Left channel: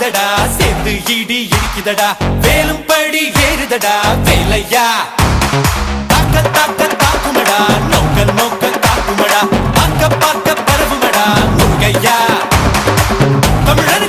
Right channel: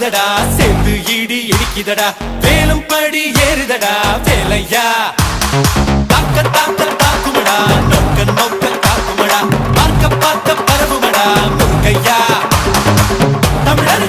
பாயுதடா சேர்த்து இடி இடிக்குதடா வேலும் படி ஏறுதடா வேலையா தாக்க தாக்க தாக்குமடா நோக்க நோக்க தாக்குமடா பார்க்க பார்க்க பரவுமடா முருகையா தமிழர்